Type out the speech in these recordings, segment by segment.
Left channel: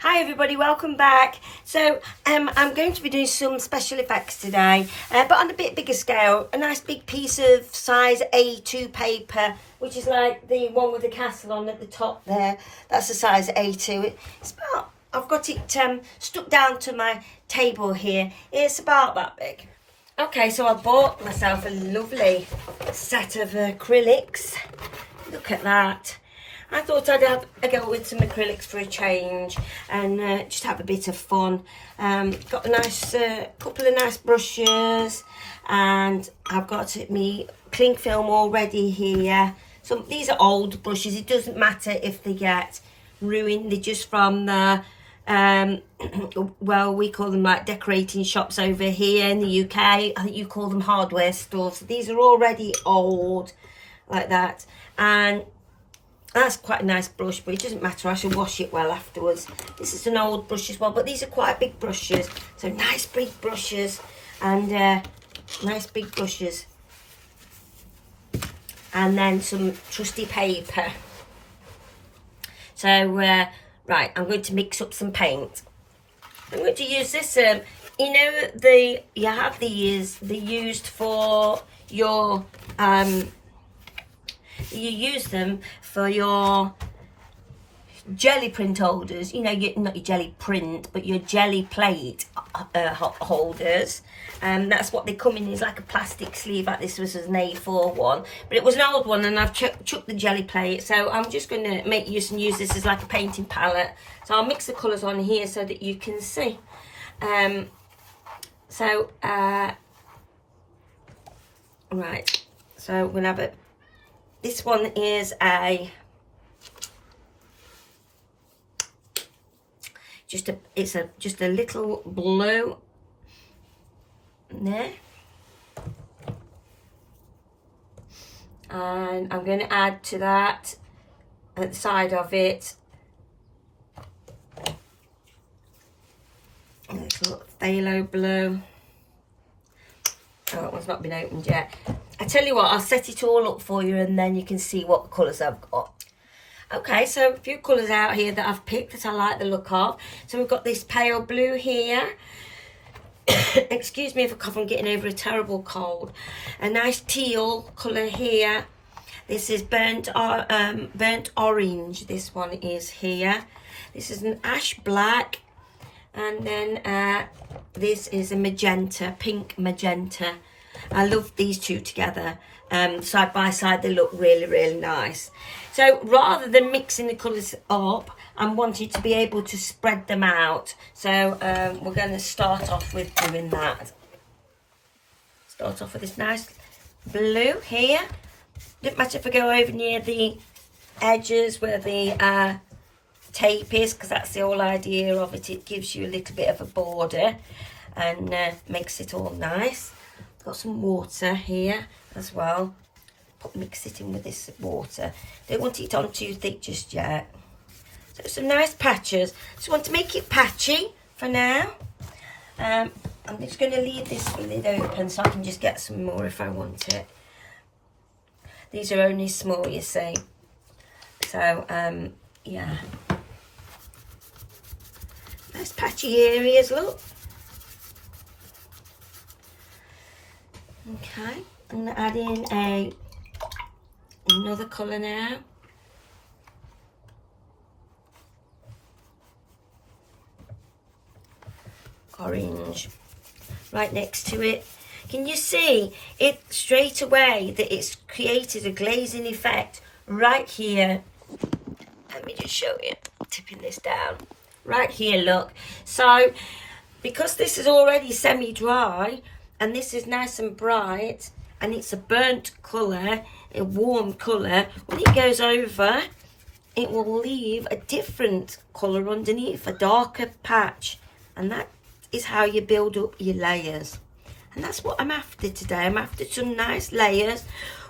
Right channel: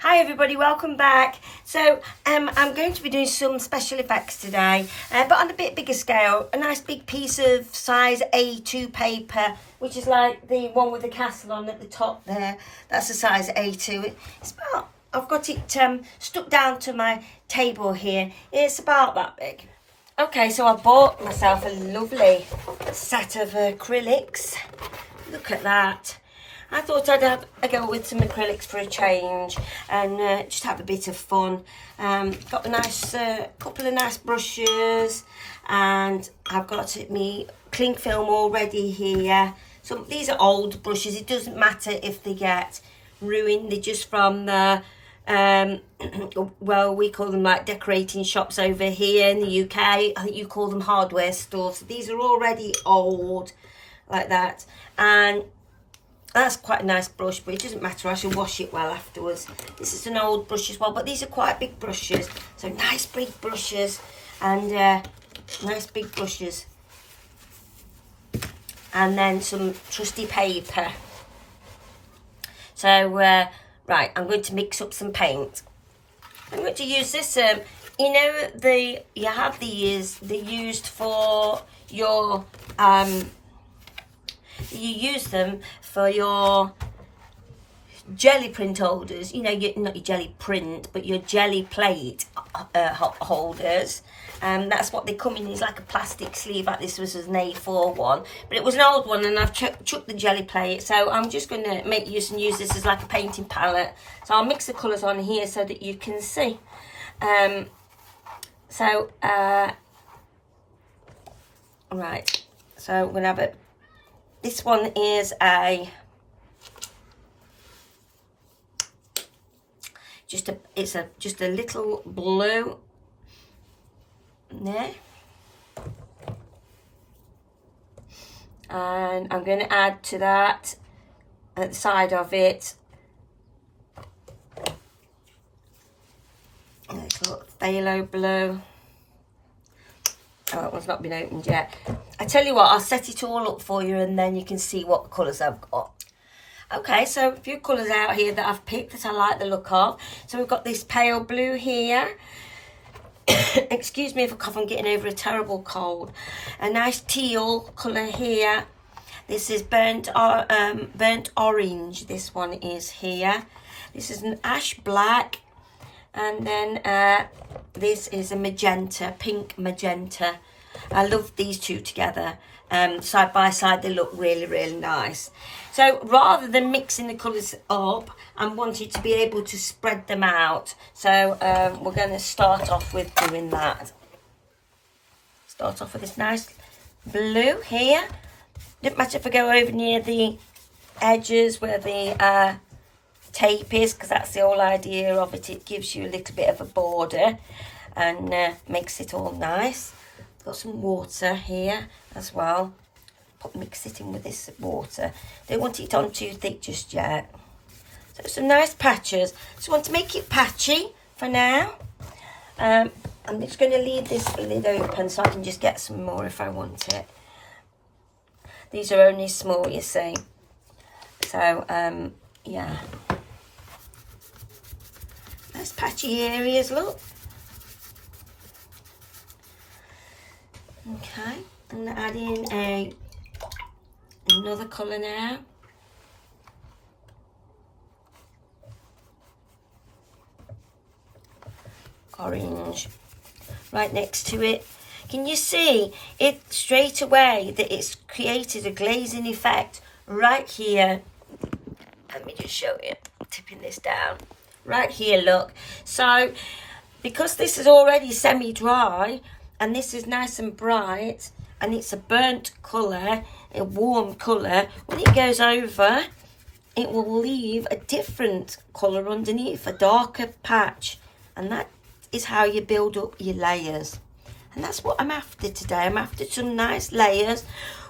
Hi everybody, welcome back. So I'm going to be doing some special effects today, but on a bit bigger scale. A nice big piece of size A2 paper, which is like the one with the castle on at the top there. That's the size A2. It's about, I've got it stuck down to my table here. It's about that big. Okay, so I bought myself a lovely set of acrylics. Look at that. I thought I'd have a go with some acrylics for a change and just have a bit of fun. Got a nice couple of nice brushes, and I've got me cling film already here. So these are old brushes. It doesn't matter if they get ruined. They're just from the well, we call them like decorating shops over here in the UK. I think you call them hardware stores. So these are already old like that, and that's quite a nice brush, but it doesn't matter. I shall wash it well afterwards. This is an old brush as well, but these are quite big brushes. So nice big brushes and nice big brushes. And then some trusty paper. So, right, I'm going to mix up some paint. I'm going to use this, you know, you have these, they're used for your, you use them for your jelly print holders, you know, not your jelly print, but your jelly plate holders. That's what they come in, is like a plastic sleeve, like this was an A4 one, but it was an old one, and I've chucked the jelly plate, so I'm just going to make use and use this as like a painting palette. So I'll mix the colours on here so that you can see. Right, so we'll have it. This one is just a little blue there, and I'm going to add to that at the side of it a little phthalo blue. Oh, that one's not been opened yet. I tell you what, I'll set it all up for you and then you can see what colours I've got. Okay, so a few colours out here that I've picked that I like the look of. So we've got this pale blue here. Excuse me if I cough, I'm getting over a terrible cold. A nice teal colour here. This is burnt orange, this one is here. This is an ash black. And then this is a magenta, pink magenta. I love these two together. Side by side, they look really, really nice. So rather than mixing the colours up, I'm wanting to be able to spread them out. So we're going to start off with doing that. Start off with this nice blue here. Doesn't matter if I go over near the edges where the tape is, because that's the whole idea of it. It gives you a little bit of a border and makes it all nice. Got some water here as well. Mix it in with this water. Don't want it on too thick just yet. So some nice patches. So I want to make it patchy for now. I'm just going to leave this lid open so I can just get some more if I want it. These are only small, you see. So yeah. Nice patchy areas, look. Okay, I'm going to add in another colour now. Orange. Right next to it. Can you see it straight away that it's created a glazing effect right here? Let me just show you. Tipping this down. Right here, look. So, because this is already semi-dry, and this is nice and bright, and it's a burnt colour, a warm colour, when it goes over, it will leave a different colour underneath, a darker patch. And that is how you build up your layers. And that's what I'm after today. I'm after some nice layers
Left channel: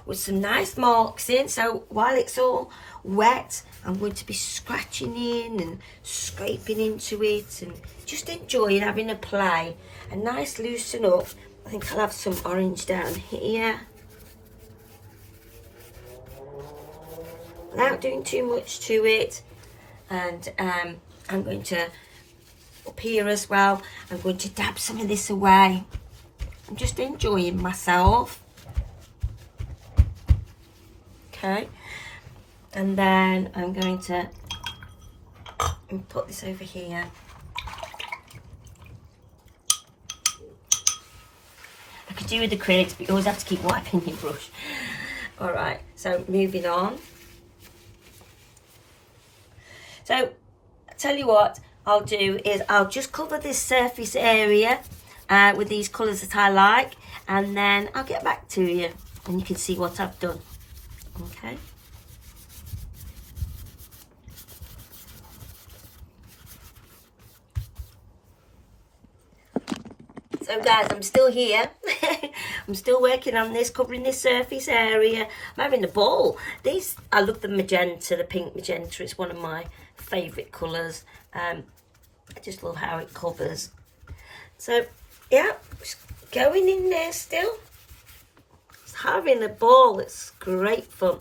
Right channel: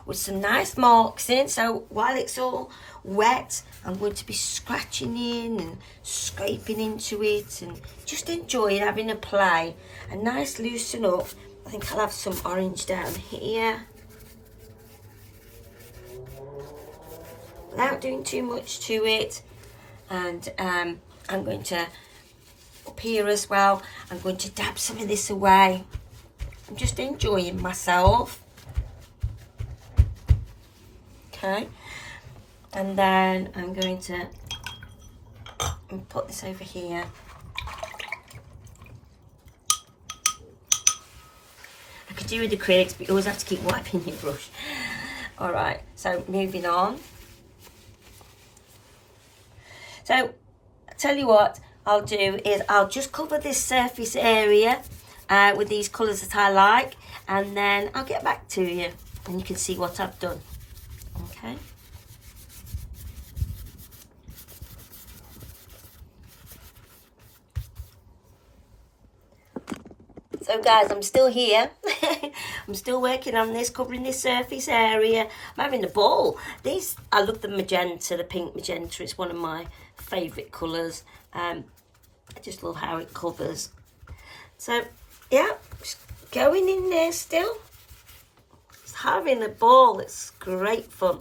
with some nice marks in. So while it's all wet, I'm going to be scratching in and scraping into it and just enjoying having a play. A nice loosen up. I think I'll have some orange down here. Without doing too much to it. And I'm going to, up here as well, I'm going to dab some of this away. I'm just enjoying myself. Okay. And then I'm going to put this over here. I could do with acrylics, but you always have to keep wiping your brush. All right, so moving on. So, I tell you what I'll do is I'll just cover this surface area with these colours that I like, and then I'll get back to you and you can see what I've done. Okay. So guys, I'm still here. I'm still working on this, covering this surface area. I'm having a ball. I love the magenta, the pink magenta. It's one of my favourite colours. I just love how it covers. So, yeah, just going in there still. Just having a ball. It's great fun.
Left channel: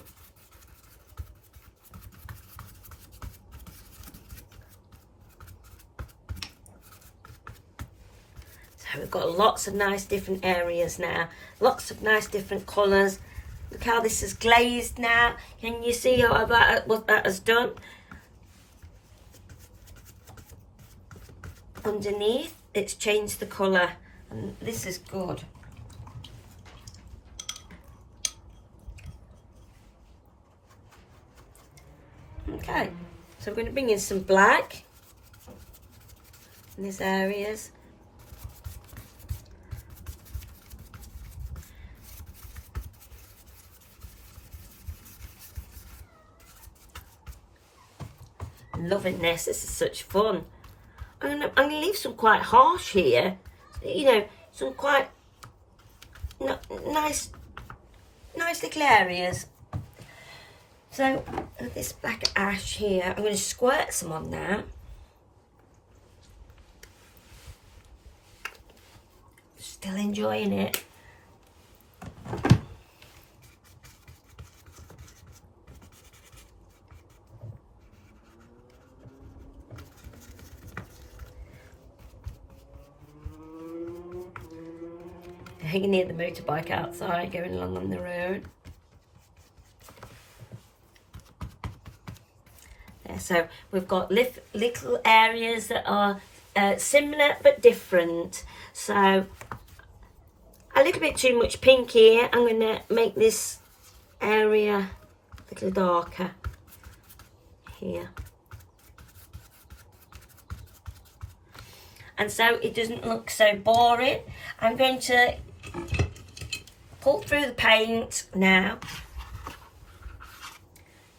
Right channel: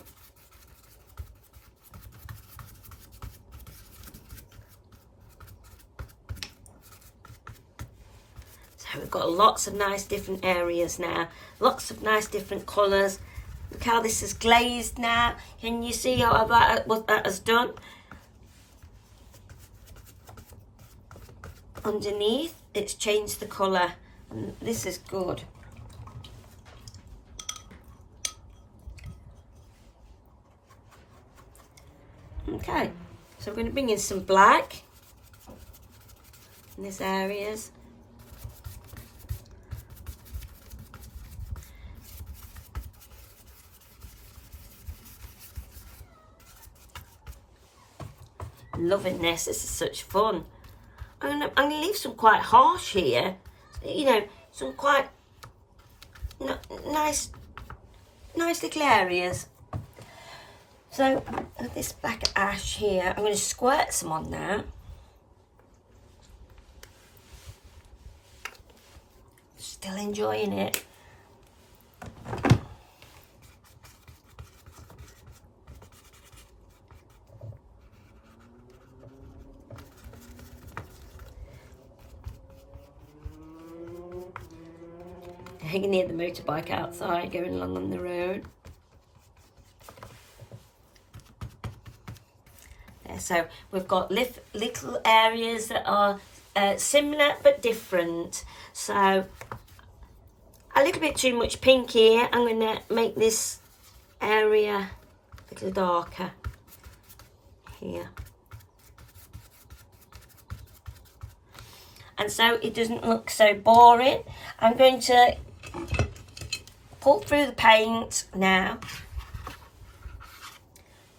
We've got lots of nice different areas now, lots of nice different colours. Look how this is glazed now. Can you see what that has done? Underneath, it's changed the colour, and this is good. Okay, so we're going to bring in some black in these areas. I'm loving this. This is such fun. I'm going to leave some quite harsh here. You know, some quite nice little areas. So with this black ash here, I'm going to squirt some on now. Still enjoying it. You can hear the motorbike outside going along on the road. There, so we've got little areas that are similar but different. So a little bit too much pink here. I'm going to make this area a little darker here. And so it doesn't look so boring. I'm going to pull through the paint now.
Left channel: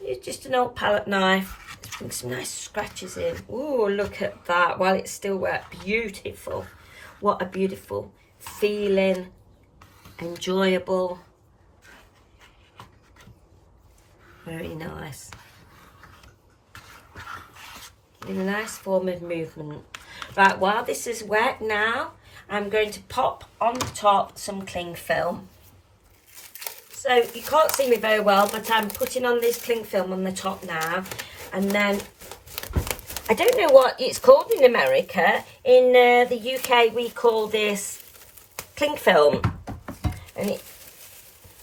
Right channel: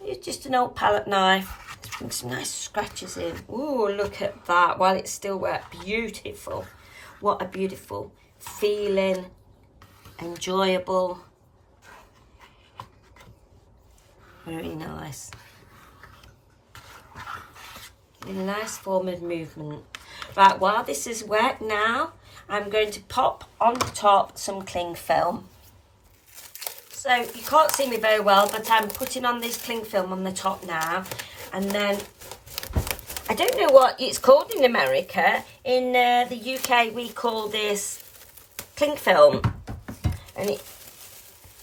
Use just an old palette knife. Let's bring some nice scratches in. Ooh, look at that. While it's still wet, beautiful. What a beautiful feeling. Enjoyable. Very nice. A nice form of movement. Right, while this is wet now, I'm going to pop on the top some cling film. So you can't see me very well, but I'm putting on this cling film on the top now. And then, I don't know what it's called in America. In the UK, we call this cling film. And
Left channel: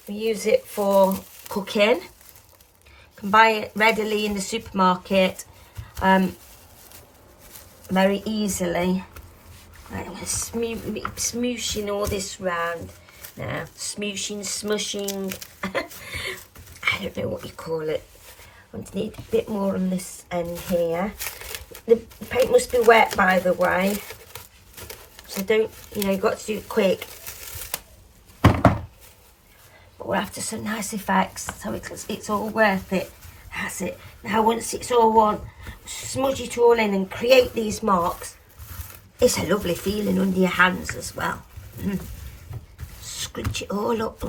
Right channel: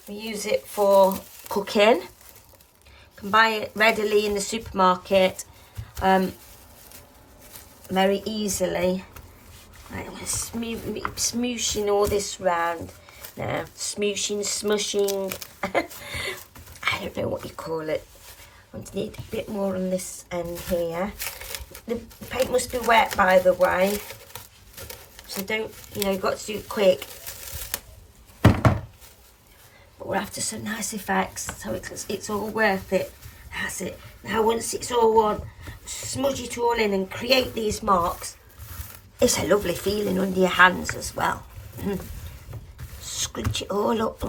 we use it for cooking. You can buy it readily in the supermarket. Very easily. Right, I'm smooshing all this round now. Smooshing, smushing. I don't know what you call it. I'm going to need a bit more on this end here. The paint must be wet, by the way. So don't, you've got to do it quick. But we're after some nice effects, so it's all worth it. That's it. Now once it's all on, smudge it all in and create these marks. It's a lovely feeling under your hands as well. Scrunch it all up.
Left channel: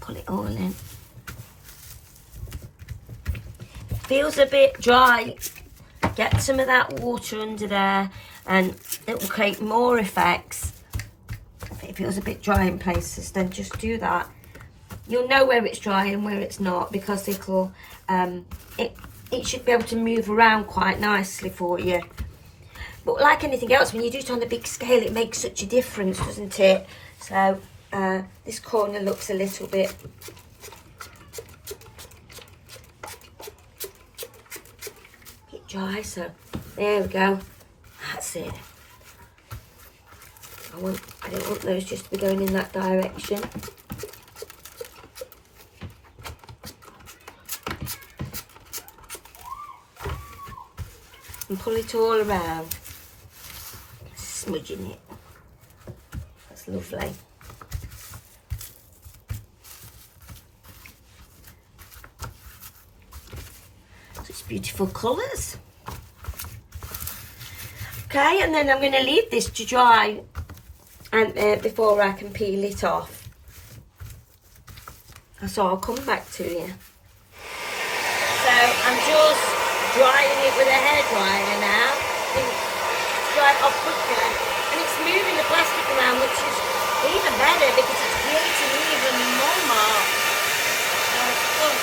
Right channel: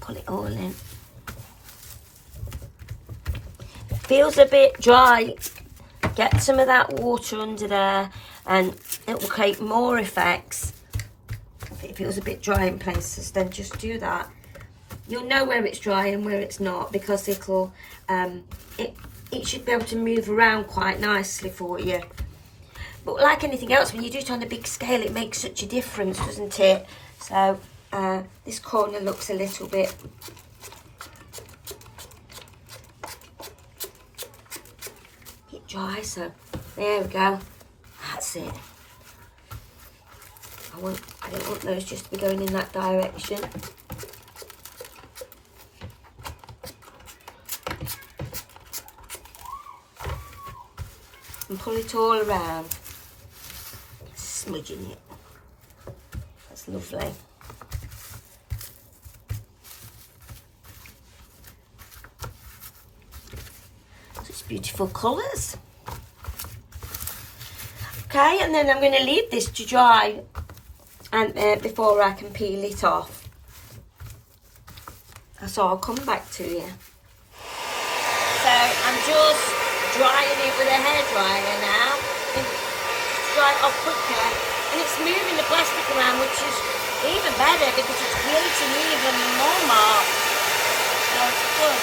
Pull it all in. Feels a bit dry. Get some of that water under there and it will create more effects. If it feels a bit dry in places, then just do that. You'll know where it's dry and where it's not because it should be able to move around quite nicely for you. But like anything else, when you do it on a big scale, it makes such a difference, doesn't it? So this corner looks a little bit dry, so there we go. That's it. I don't want those just to be going in that direction. And pull it all around, smudging it. That's lovely. Such beautiful colours. Okay, and then I'm going to leave this to dry and before I can peel it off. So I'll come back to you. So I'm just drying it with a hairdryer now. Dry it off quicker. And it's moving the plastic around, which is even better because it's creating even more marks. So it's good.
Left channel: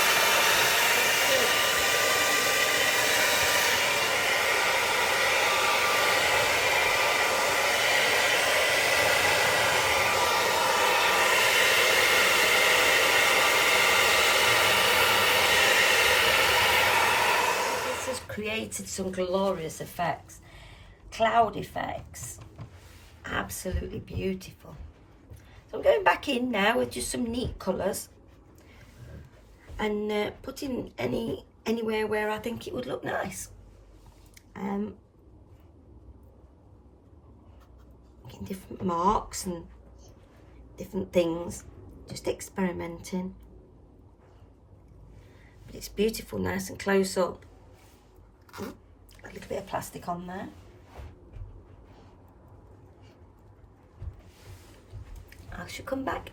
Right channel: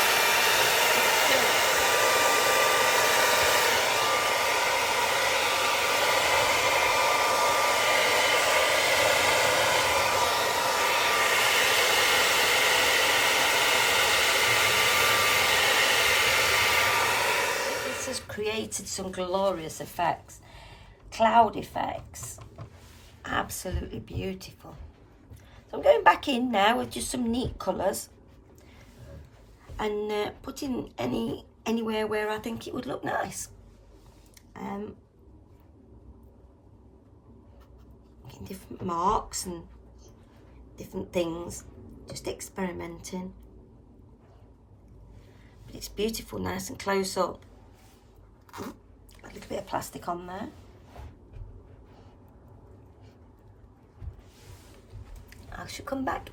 Created some glorious effects, cloud effects, absolutely beautiful. So I'm going back in now with just some neat colours and putting anywhere where I think it would look nice. Getting different marks and different things, just experimenting. But it's beautiful, nice and close up. A little bit of plastic on there. I should come back.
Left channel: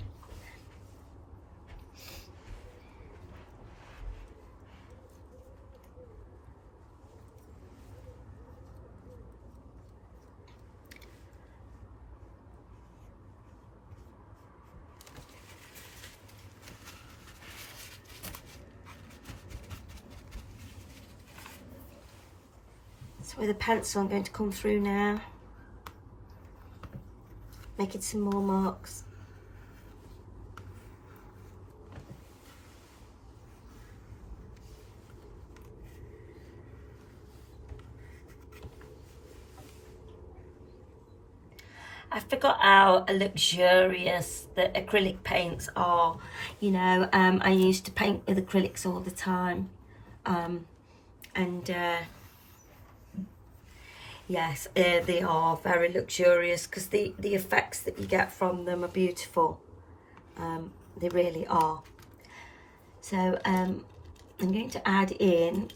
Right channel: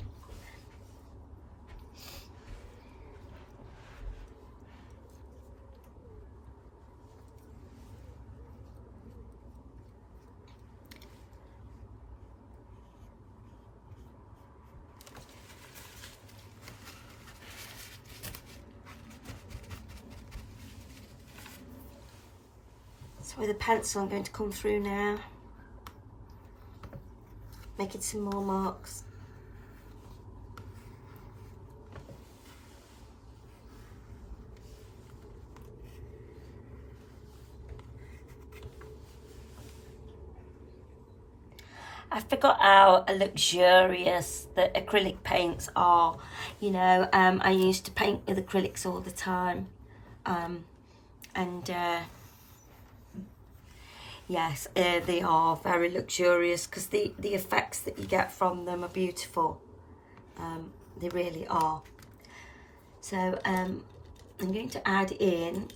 So with a pencil I'm going to come through now, making some more marks. I forgot how luxurious the acrylic paints are. You know, I used to paint with acrylics all the time. Yes, they are very luxurious because the effects that you get from them are beautiful. They really are. So I'm going to add in,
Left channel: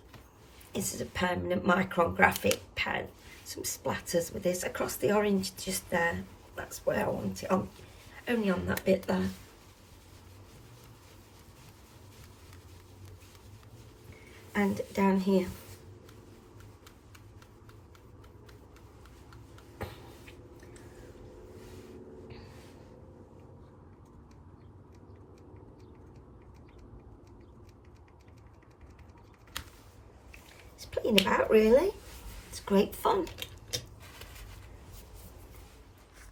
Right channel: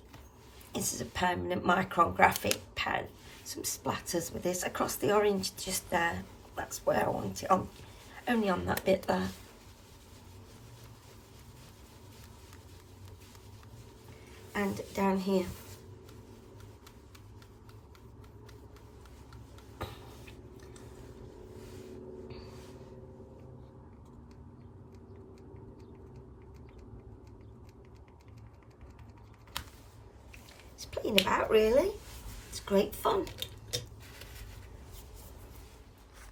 this is a permanent micrographic pen, some splatters with this across the orange just there. That's where I want it on, only on that bit there. And down here. Playing about really, it's great fun.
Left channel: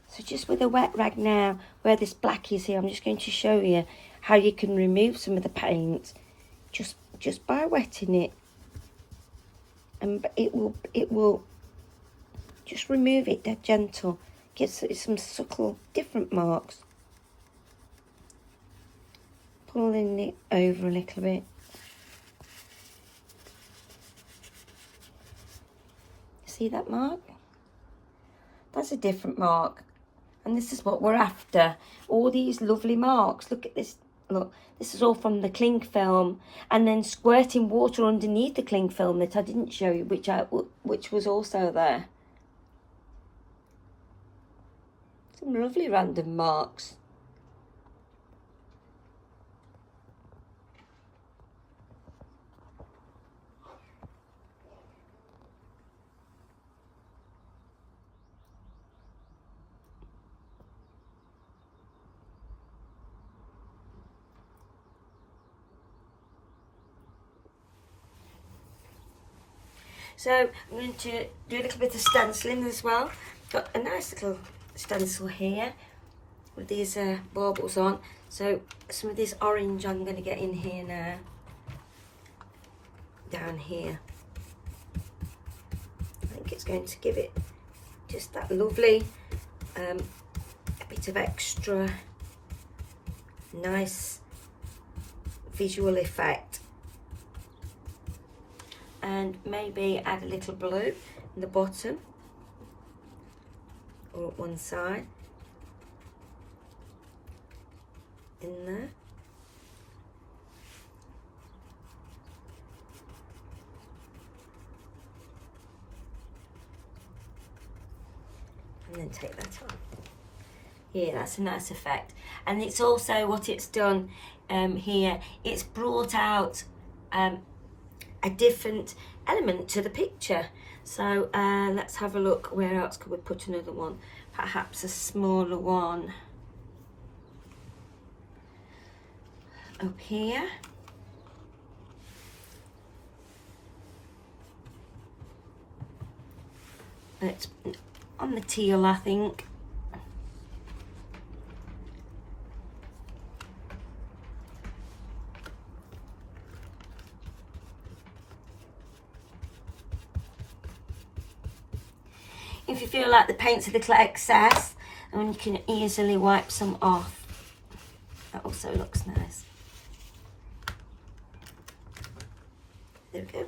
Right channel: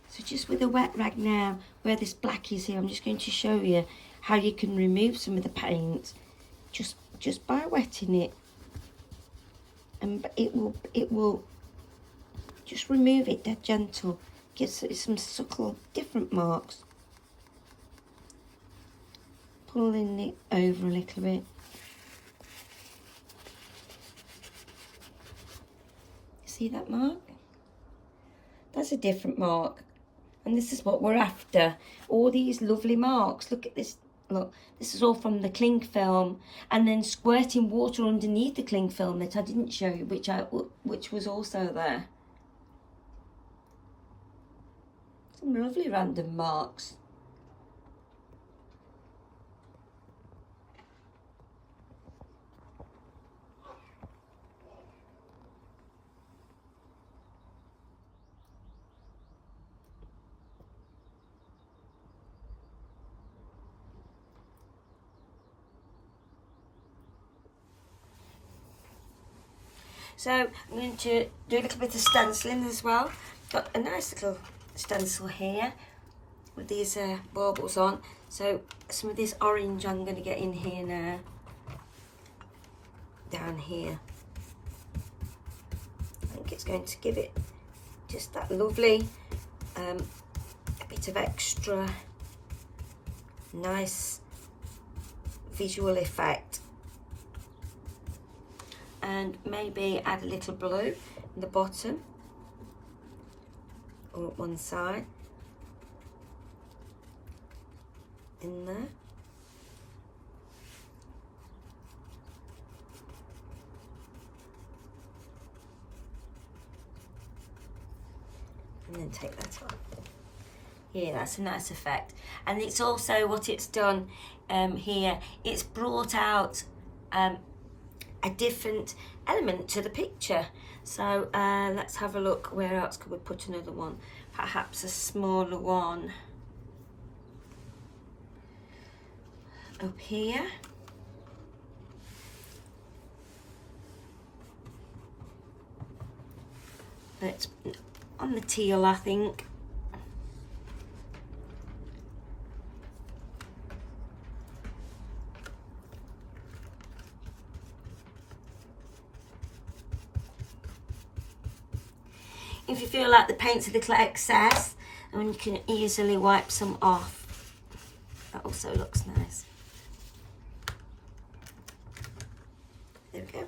So just with a wet rag now, where this black is here, I'm just going to show you how you can remove some of the paint just by wetting it, and it will just remove it dead gentle, get some subtle different marks, pulling it over a little bit. See that mark? That's a different mark. And this is what we're after. All these lovely marks. Look at this. Look, this is all from the cling film. And then squirting water underneath the cling film that I didn't show you, which was also there. Some lovely random marks. So I'm going to do a little bit of stenciling as well. Got a nice little stencil here with these baubles on. So some of this orange I'm going to get in here now, down here. I think it's going to give it just that lovely a bit of extra nice visual effect. And maybe add a little blue in the bottom or at one side in there. And then take that off. Yeah, that's a nice effect. And it's also what it's done here, it's brought out a different element to the picture. So let's have a look, where else could we put another one? Perhaps a smaller one up here. It's on the teal, I think. If you feel like the paint's a little excess, and you can easily wipe some off. That also looks nice. There we go.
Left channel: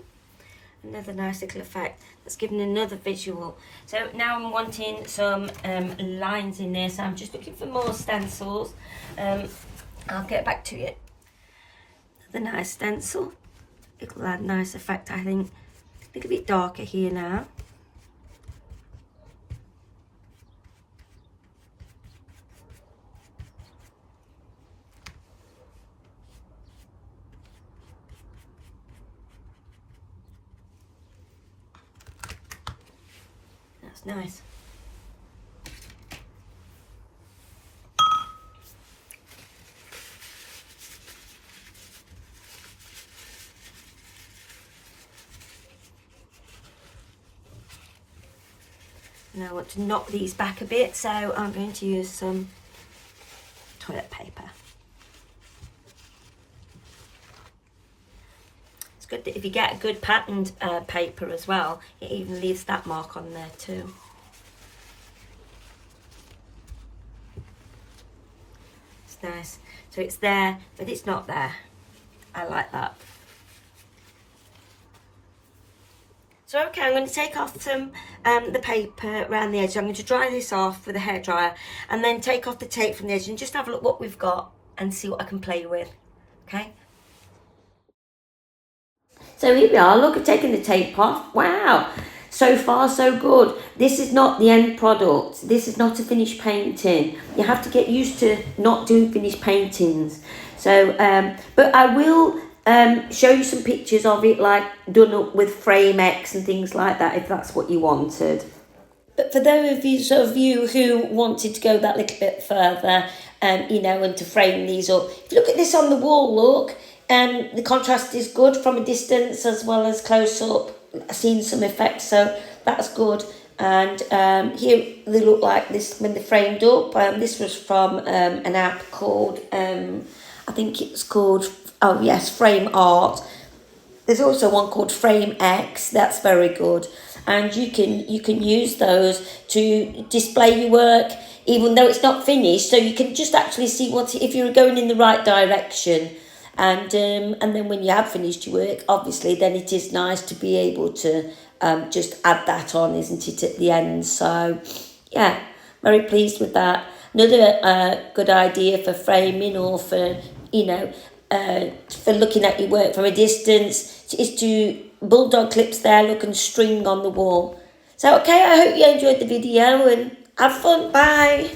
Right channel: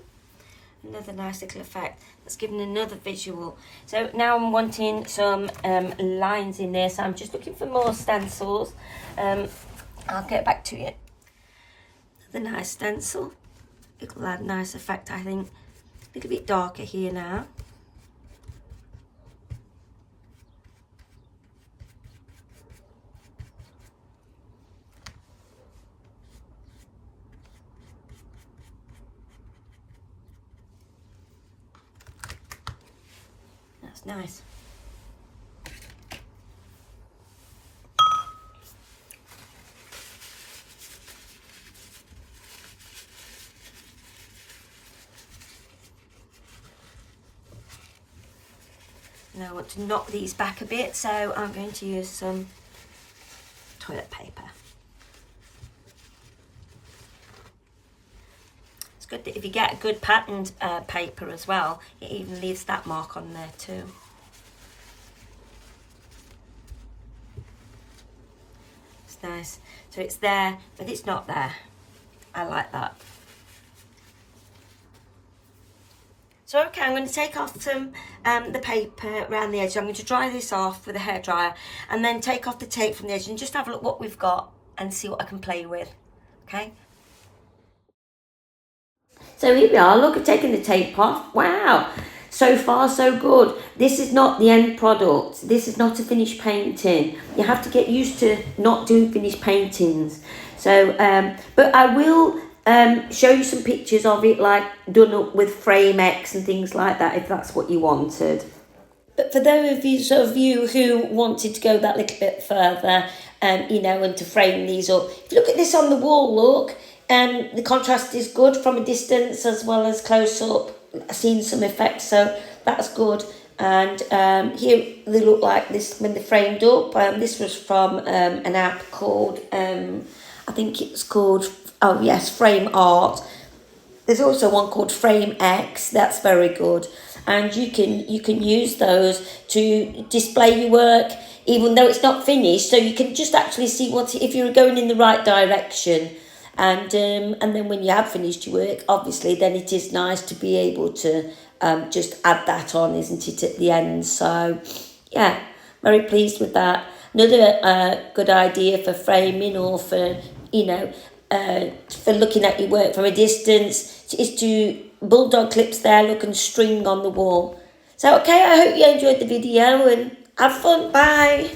Another nice little effect that's giving another visual. So now I'm wanting some lines in there, so I'm just looking for more stencils. I'll get back to it. The nice stencil, it'll add a nice effect, I think. A little bit darker here now. That's nice. Now I want to knock these back a bit, so I'm going to use some toilet paper. It's good that if you get a good patterned paper as well, it even leaves that mark on there too. It's nice. So it's there, but it's not there. I like that. So okay, I'm going to take off some the paper around the edge. I'm going to dry this off with a hairdryer and then take off the tape from the edge and just have a look what we've got and see what I can play with. Okay. So here we are. Look, I've taken the tape off. Wow. So far, so good. This is not the end product. This is not a finished painting. You have to get used to not doing finished paintings. So, but I will show you some pictures of it, like done up with frame X and things like that, if that's what you wanted. But for those of you who wanted to go that little bit further, you know, and to frame these up, if you look at this on the wall, look, the contrast is good from a distance as well as close up. I've seen some effects, so that's good. And here they look like this when they're framed up. This was from an app called, I think it's called, oh yes, Frame Art. There's also one called Frame X. That's very good, and you can use those to display your work, even though it's not finished. So you can just actually see if you're going in the right direction. And then when you have finished your work, obviously, then it is nice to be able to just add that on, isn't it, at the end? So, yeah, very pleased with that. Another good idea for framing or for, you know, for looking at your work from a distance is to bulldog clips there, look, and string on the wall. So, okay, I hope you enjoyed the video and have fun. Bye.